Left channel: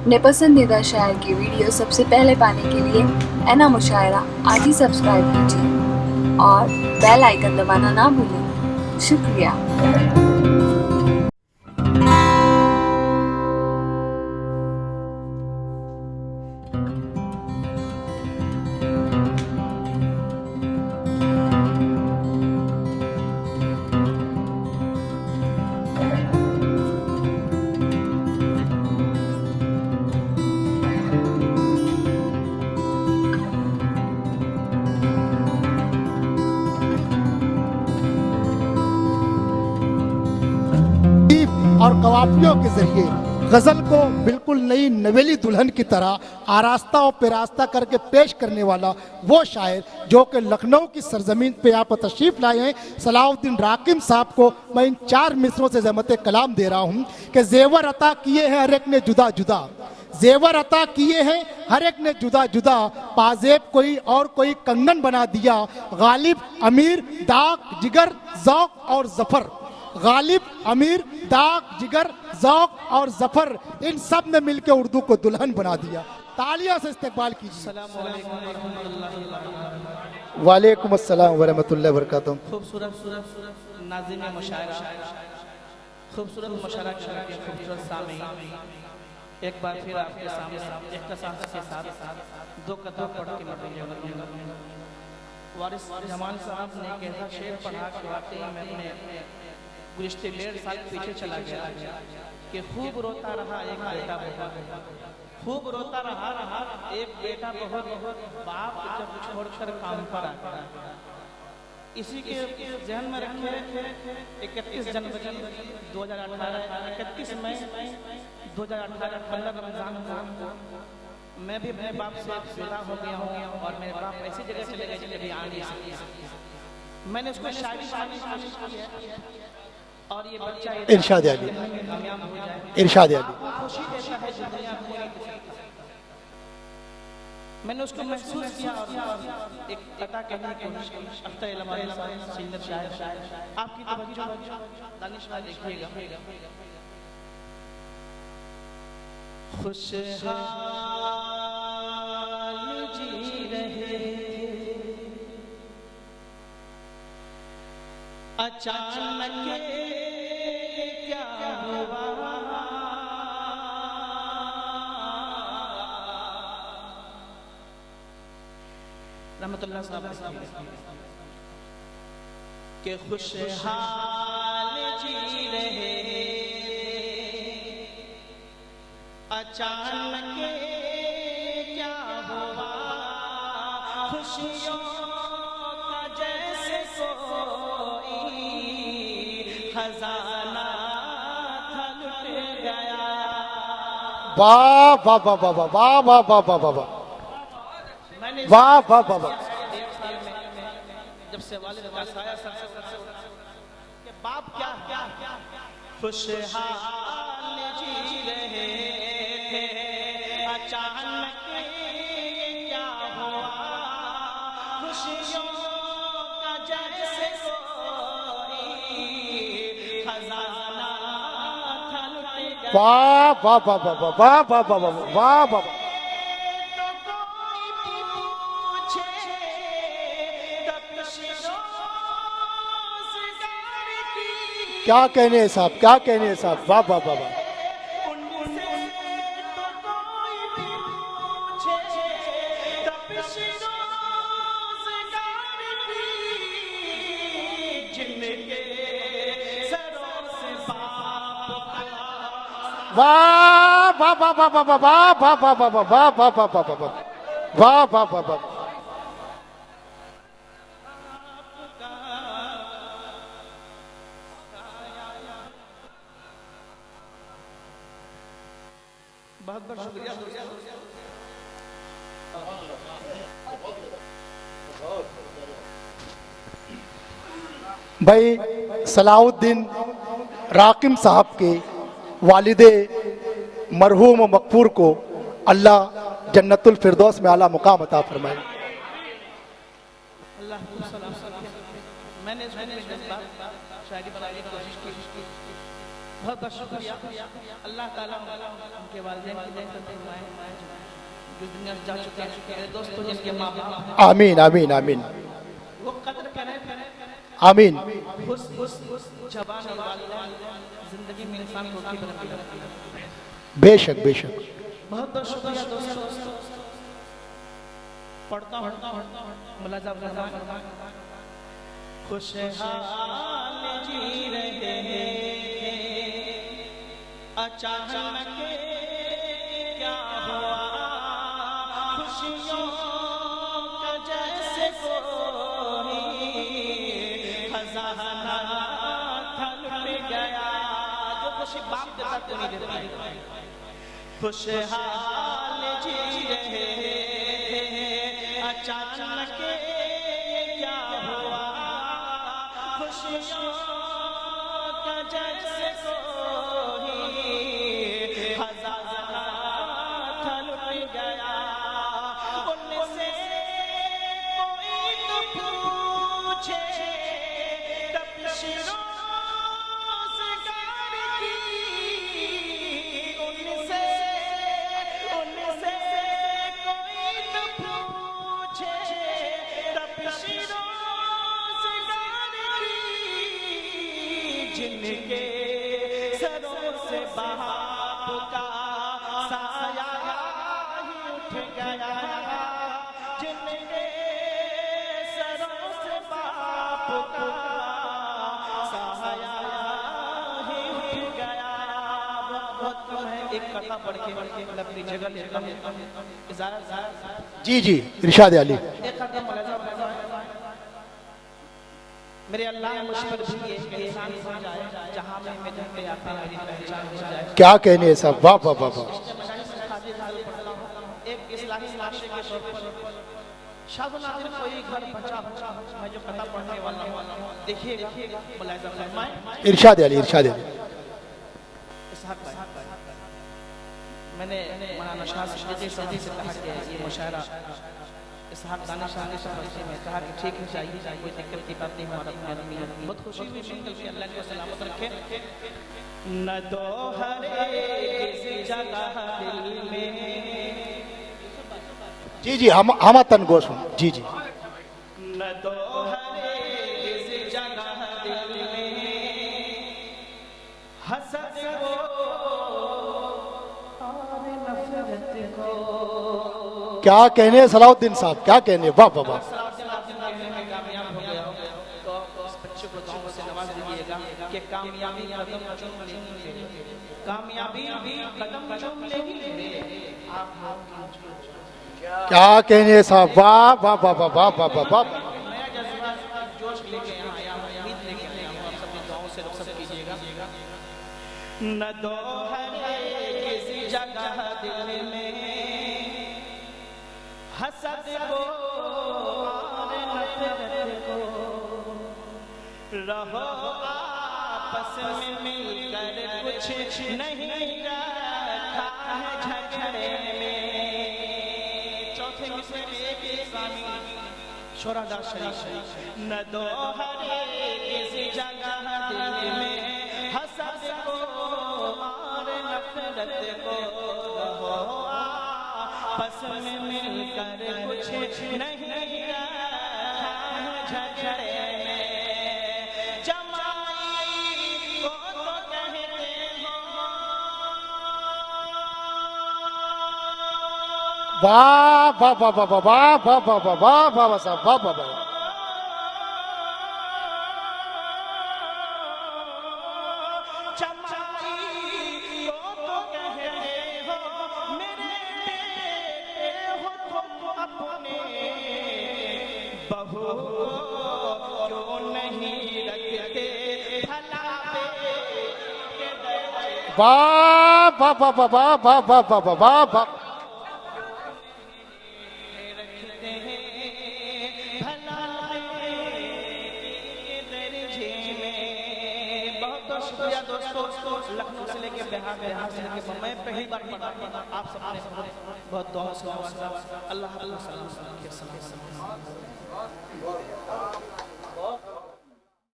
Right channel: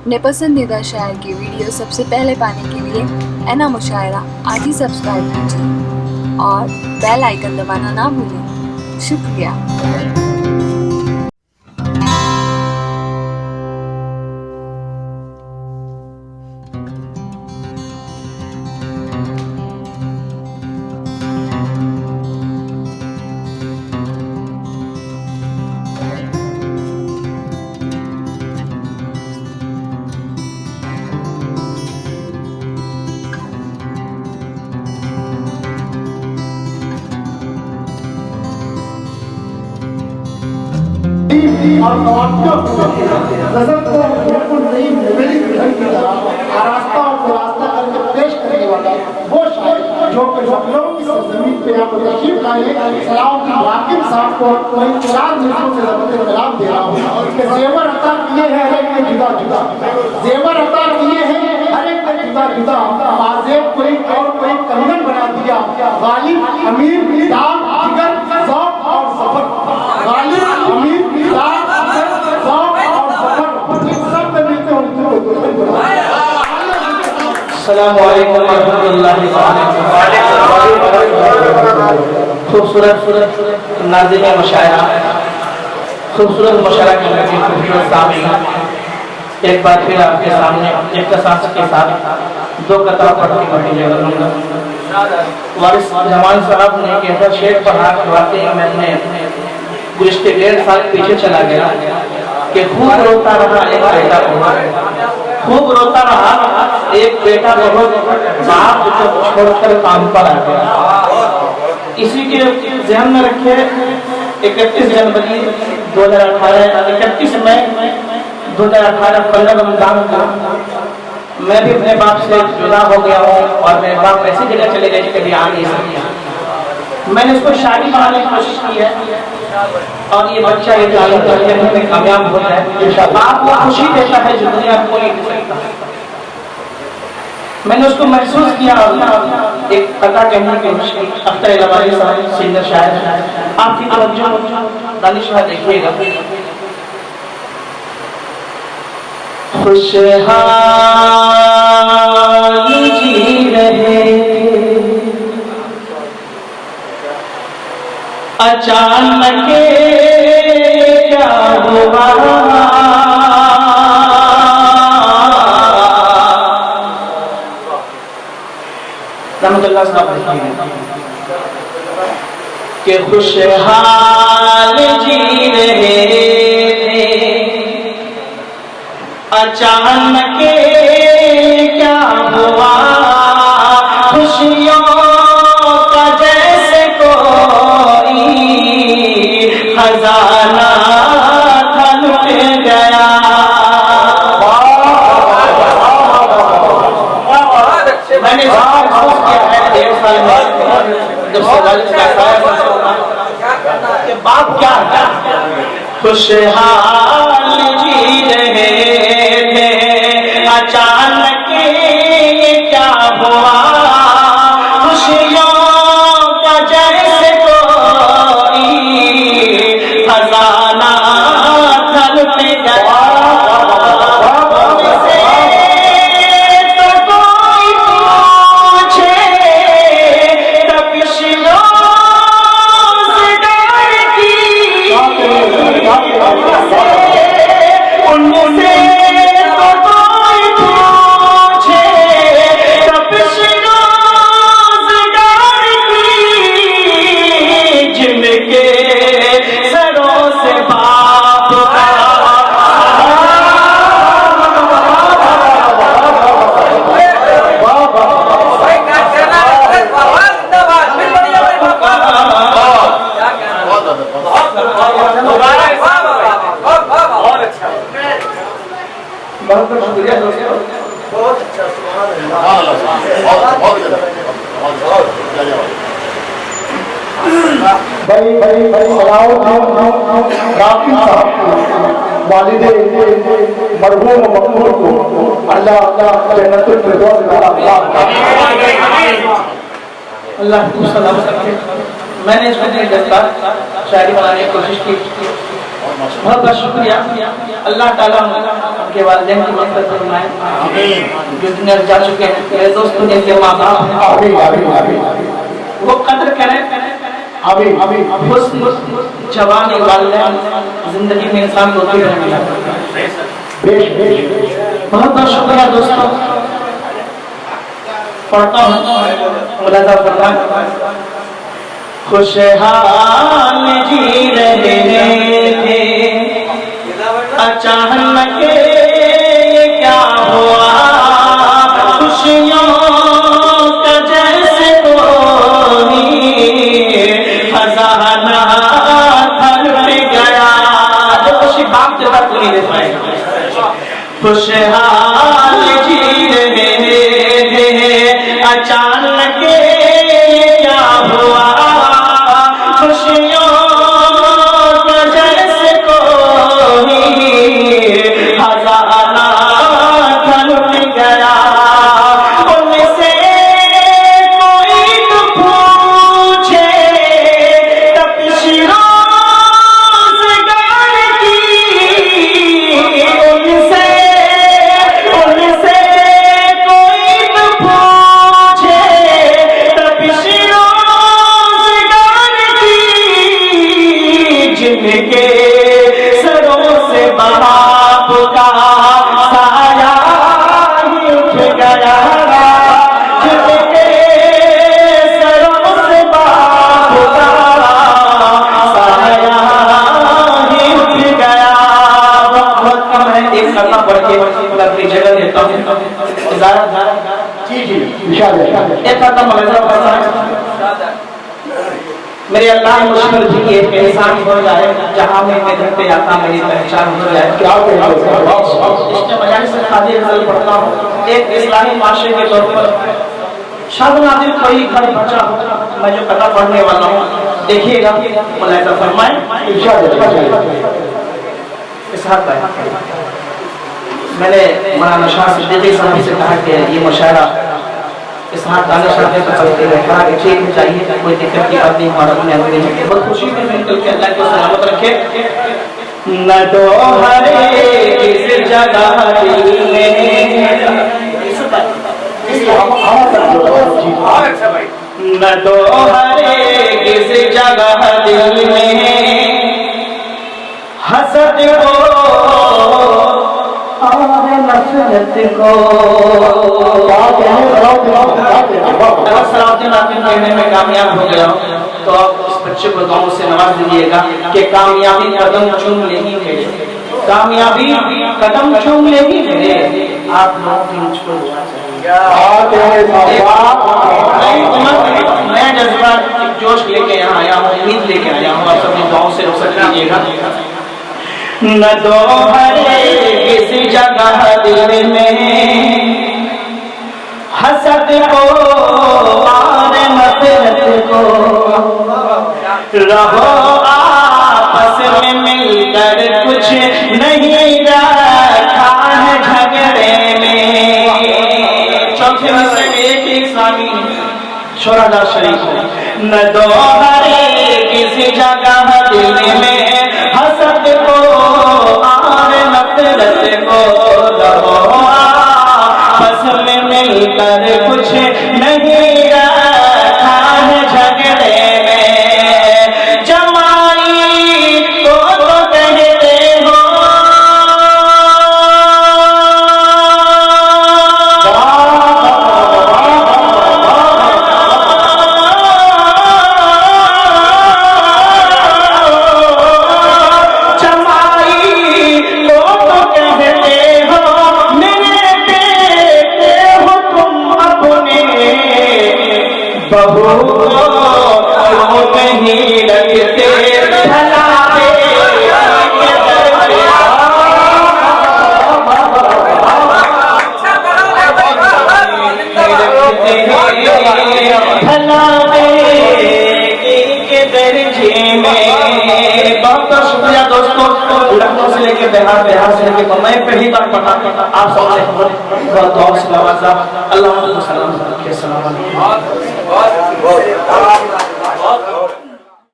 अपने पसंदीदा शायर की वीडियो सबसे पहले पाने के लिए एना मुशायरा आज ही सब्सक्राइब कीजिए और बेल आइकन दबाना ना भूलें। शुक्रिया। और नवाबियों के जरिए गजल को बिल्कुल नई नवेली दुल्हन की तरह आरास्ताओं को रास्ता करके पेश करने वाला वो शायर जो कि लखनऊ की सरजमीन पे यहाँ पर तशरीफ लाए सलाउद्दीन राकिब साहब को मैं 4 मिनटों से ज़बत कलाम दे रहा हूँ कि जेवर अता किए हैं हर एक ने जुदा जुदा, जेवर अता किए हैं हर एक ने जुदा जुदा, पाजेब कोई और कोई कंगन बना दिया, गालिब अमीर दाग जिगर ज़ौक़ और ज़फ़र, गालिब अमीर दाग जिगर ज़ौक़ और ज़फ़र, इन सब ने मिलकर उर्दू को दुल्हन बना दिया। अस्सलामु अलैकुम व रहमतुल्लाहि व बरकातहू। खूबसूरत नाज़िम मुशायरा, खूबसूरत मुशायरा करने की खूबसूरत सामीन, एक बार फिर आपके सामने इख्तिसास के साथ 2 कतरा पढ़ के पढ़ेंगे। वारिस जमान साहब ने कहता शेर पढ़ा के वाकई मैंने गुज़श्ते 1.5 साल पीछे चला गया कि खूब रोता रहा एक बेटा बहुत, खूब रोता रहा एक बेटा बहुत, बाप जब छोड़कर काम पर आ गया। इसी के ध्यान में रखे 31 जनवरी 2018 31 मई 2018 15 रमजान को मैं भी अपने बाप से जुदा हो गया हूँ और मेरे बाप ऐसी जगह चले गए कभी आ नहीं सकते। मैंने उसको शादी बनाने की कोशिश की है और ये बच्चा ये जानने में कामयाब होता है। बाप को खुशी देता है जो दुनिया को नहीं दे सकता। मैंने उसको महसूस किया और एक कथा कहने की कोशिश की। अख्तर इलाही साहब सिंगर शायर, आपकी तवज्जो दानिशा देखिएगा। खुशहाल जी रहे अचानक क्या हुआ, रहमतुल्लाह साहब के खुशहाल जी रहे अचानक क्या हुआ, खुशियों का जैसे कोई खजाना था लुट गया। मैंने महसूस किया है 1.5 साल में जब सवाल के बाप क्या खुशहाल जी रहे थे अचानक क्या हुआ, खुशियों का जैसे कोई खजाना था लुट गया। भाई सलाउद्दीन राकिब साहब के वालिदे मरहूम मकबूल को अल्लाह जन्नतुल फिरदौस में अल्लाह को सलामत रखे। मैंने इसमें शायरी बनाने की कोशिश की बहुत बहुत शुक्रिया। अल्लाह ताला उनके वालिदैन की मदद फरमाए, जो दुनिया जा चुके हैं। मेरे दोस्तों जिनके माँ बाप हैं, आमीन आमीन आमीन वो कदर करें। आमीन हुस्न जवानी वालिदैन जिंदगी में इंसान को होती रहती है। बेशक बेशक बहुत बहुत शुक्रिया दोस्तों। पढ़ता हूँ मुलाजा फरमाए। खुशहाल जी रहे थे, अचानक ये क्या हुआ, खुशियों का जैसे कोई खजाना खर्च गया। जो खुशी बाप के साथ नहीं दे पाएगा। खुशहाल जी रहे थे, अचानक ये क्या हुआ, खुशियों का जैसे कोई खजाना खर्च गया। उनसे कोई तो पूछे तपिश रोज़गार की, उनसे कोई तो पूछे तपिश रोज़गार की, जिनके सरों से बाप का साया ही उठ गया, जिनके सरों से बाप का साया ही उठ गया। बहुत कम है, एक करना पड़ के अपनी जगह देता हूँ। जी जी इरशाद है। एक करना मलज़ा करना है। मेरे अल्लाह मुश्किल जी की एक एहसान हो जाए, जहाँ में मैं घर पे आता मेरी पहचान हो जाए। क्या कहते हैं साहब, वाह वाह इसके मजालिस से खादी गज़ल पढ़ता हूँ। एक इस्लामी माशरे के तौर पर शाद नादिर कोई घर बचा हो, मैं जो कथा पढ़ने वाला हूँ देखिएगा, मुलाहिज़ा फरमाएं। इरशाद है इरशाद है। इस हाथ पर मैंने मौलाना शाह सिद्दीकी साहब से कहा कि ये मुशायरा इस हाथ गाने शाह तो चलते रहे, कहा कि ठीक चाहिए, कोई दिक्कत की बात नहीं, हमारा अपने अंदर में बहुत खुशी में मिलकर के अल्लाह को सलामत रखे। न तो हरे किस जगह दिल में, जी हवा तक जी न तो हरे किस जगह दिल में हसद को और नफरत को। क्या कहने सलाउद्दीन साहब, क्या कहने, वाह वाह। अगर सलाउद्दीन आपके कहने में कामयाब हो गया हो तो आप इस बच्चे को दुआओं से नवाज दीजिएगा कि कामयाबी कदम चूम लेगी मेरे, कामयाबी कदम चूम लेगी मेरे। आप लोगों की मुझको दुआ चाहिए। क्या कहने साहब, वाह वाह। मैं जज्बा जोश लेके यहाँ आया हूँ, उम्मीद लेके आया हूँ, आप सबने दुआओं से रुखसत कीजिएगा। न दो हरे किसी जगह दिल में हसद को और नफरत को, रहो आपस में मिलकर, कुछ नहीं रखा है झगड़े में। चौथे में से एक सामी शोरादा शरीफ। न दो हरे किसी जगह दिल में हसद को और नफरत को, रहो आपस में मिलकर, कुछ नहीं रखा है झगड़े में। जमाई को तो कहते हो, बिहार से लेके मैं पहली बार पता आप सबसे बहुत दुआ से नवाजा। अल्लाह सलाम रखे। सलाम अलैकुम।